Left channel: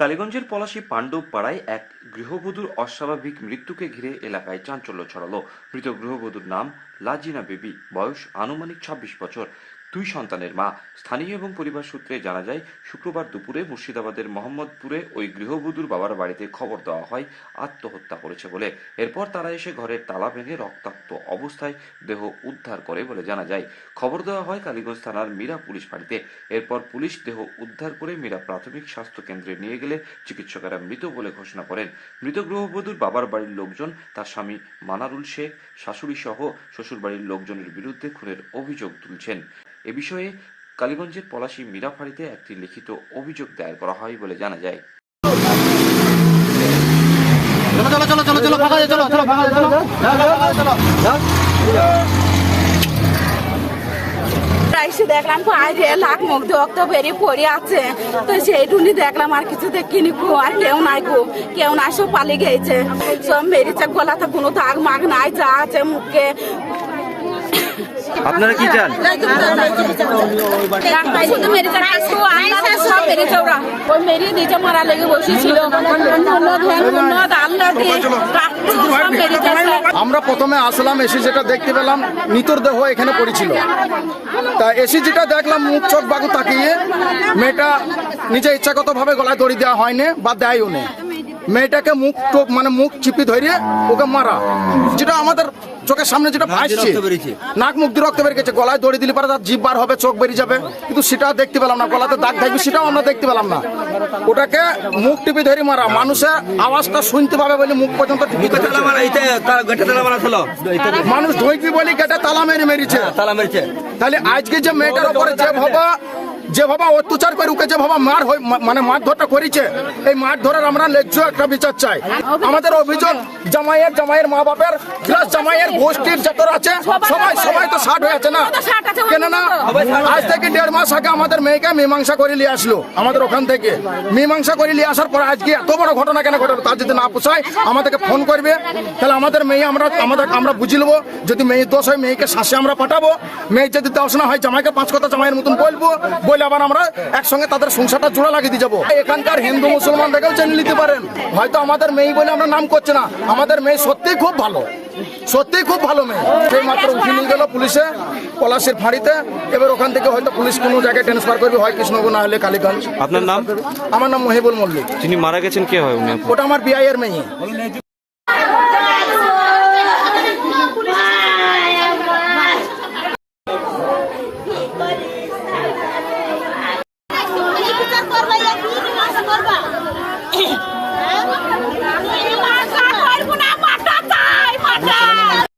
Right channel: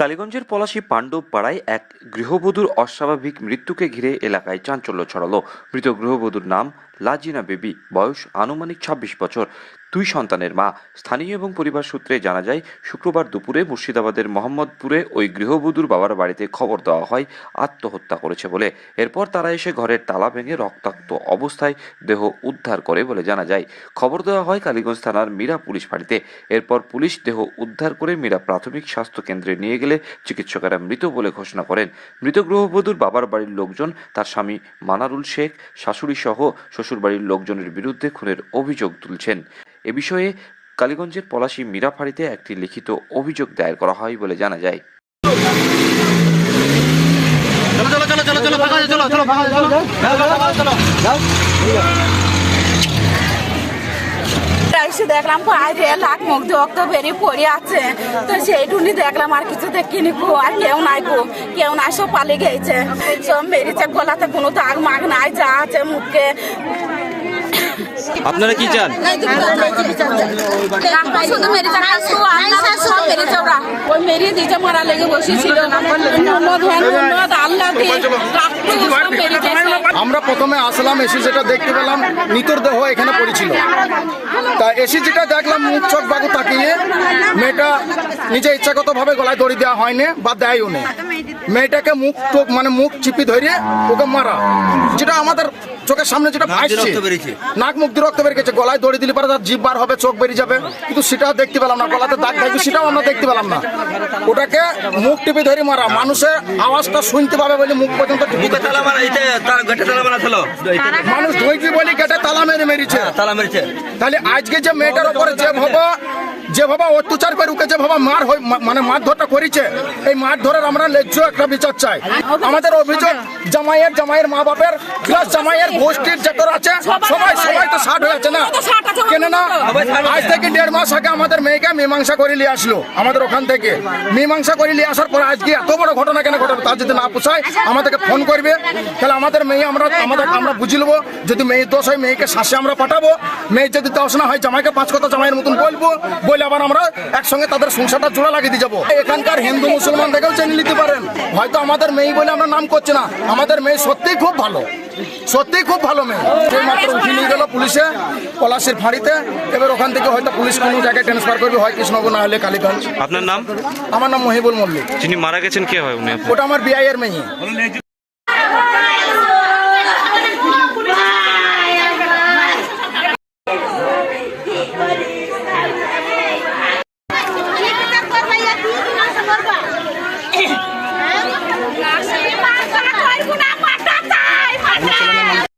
কালীগঞ্জের পলাশী পাণ্ডব পাড়ায় এক গৃহবধূর অস্বাভাবিক মৃত্যুকে ঘিরে এলাকায় চাঞ্চল্য ছড়ালো। মৃত গৃহবধূর নাম লাজিনা বেবি, বয়স আনুমানিক ২৬ বছর, ২ সন্তানের মা। স্থানীয় এবং পরিবার সূত্রে জানা যায়, শুক্রবার দুপুরে মুর্শিদাবাদের মোহাম্মদপুরে ওই গৃহবধূর বাবার বাড়িতে খবর দেওয়া হয় আত্মহত্যা করেছে বলে। এরপর তারা এসে ঘরের তালা ভেঙে রক্তাক্ত অবস্থায় দেহ উদ্ধার করে বলে জানা যায়। খবর দেওয়া হয় কালীগঞ্জ থানার মীরা পুলিশ ফাঁড়িতে। এরপর পুলিশ দেহ উদ্ধার করে মীরা প্রাথমিক স্বাস্থ্য কেন্দ্রে নিয়ে গেলে চিকিৎসকেরা মৃত বলে ঘোষণা করেন। মৃত গৃহবধূর বাবার বাড়ির লোকজন তার স্বামী মানারুল শেখ, শাশুড়ি সহ শ্বশুরবাড়ির লোকজনের বিরুদ্ধে খুনের অভিযোগ তুলছেন। এ বিষয়ে কালীগঞ্জের পলাশী মীরা ফাঁড়িতে একটি লিখিত অভিযোগ দায়ের করা হয় বলে জানা যায়। এসে দেখলাম বাইরে লাখ মুখ রক্ত বেরিয়ে পড়ে আছে, তো সেইটুনি দেখলাম, আর কিছু দেখিনি গো। আর কেউ নাই গো, কেউ নাই, সব পালিয়ে গেছে, সব মেরেছে। গলাতে কোনো দাগ মাগ নাই, যা আছে মুখে। আপনারা কি চান? শুধু মেরে সব মেরেছে, ওরা ওই মেরিয়ে দিয়েছে, মারা লেগে বসেছিল। আমরা প্রথমে আসলাম, এসে যেটা দেখতে পেলাম মৃতর দেহ এখানে পড়েছিল। তা এসে যেটা দেখলাম, মুখ চোখ বাগু তাকিয়ে মেয়েটা নিজে ইচ্ছাগতভাবে গলায় দড়ি দেওয়া হয়নি বা দেয়ও নেই। মেয়েটাকে মুখ টোক মানে মুখ চিপি ধরে ওকে মারা, যেটা আমাদের চোখের সামনে যেটা ভাসছে, নাক মুখ দিয়ে রক্ত বেরিয়ে গেছে। গলায় দড়ি দিলে পারে তার জিভ বার হবে, চোখ বেরিয়ে যাবে, কিন্তু সেটা দেখতে পেলাম না। গলাতে দাগ থাকবে সেটাও আমরা দেখতে পেলাম না। ওটাকে মুখ টিপে ধরে মারা, মানুষের আওয়াজটা শুনতে পাবে বলে মুখ পর্যন্ত টিপে ধরে মানুষ ঢুকবি বলে গেটে তালা মেরে মেরেছে। তাহলে আজকে যে মেয়েটার উপরে যেভাবে অত্যাচার করে ওকে যেভাবে মানে মারধরটা করেছে, এই মারধরের আমরা ন্যায্য একটা বিচার চাই। আমাদের অভিযোগ জামাইয়ের মা বাপের প্লাস জামাইয়ের গোষ্ঠীর যতরা আছে সবাই তো ষাট হয়ে আছে না, কেন না? আজ থেকে 1.5 মাস আগে আমাদের মেয়েকে মীমাংসা করে নিয়ে আসলো আমাদের ওখান থেকে। মীমাংসা করে নিয়ে আসার পর আজকে এত বড় ঘটনা কেন ঘটবে? তার যদি না পোষায় আমাদেরকে ফোন করবে, তাহলে আমাদের মেয়ে আমরা বুঝে নেবো। যদি মেয়ের দোষ হয় মেয়েকে শাসে আমরা পাঠাবো, মেয়ের যদি দোষ না হয় জামাইকে 5 কথা জামাইয়ের মতন বলবো, বলে আবার আমরা একসঙ্গে তাদের সংসারটা জোড়া লাগিয়ে দিয়ে যাবো। এখানকার হিন্দু মুসলমান দেখেও জেনে নিতে পারেন। হয়তো আমাদের মেয়ে বলে আমরা নাম করছি না, আমাদের মেয়ে সত্যিই খুব ভালো, সত্যিই খুব ভালো মেয়ে। সেই মাত্র উঠে নিয়ে গেল পুলিশে পলাশীর ফাঁড়িতে। এবার ওখান থেকে হয়তো পুলিশ কোনো জায়গায় ট্রান্সফার করবে, হয় কৃষ্ণনগর না হলে কালীগঞ্জ। আপনার নাম? আমার নাম মহিবুল মল্লিক। যিনি মারা গেছেন কে হয় উনি? ওটা আমার বিআইয়ের মেয়ে।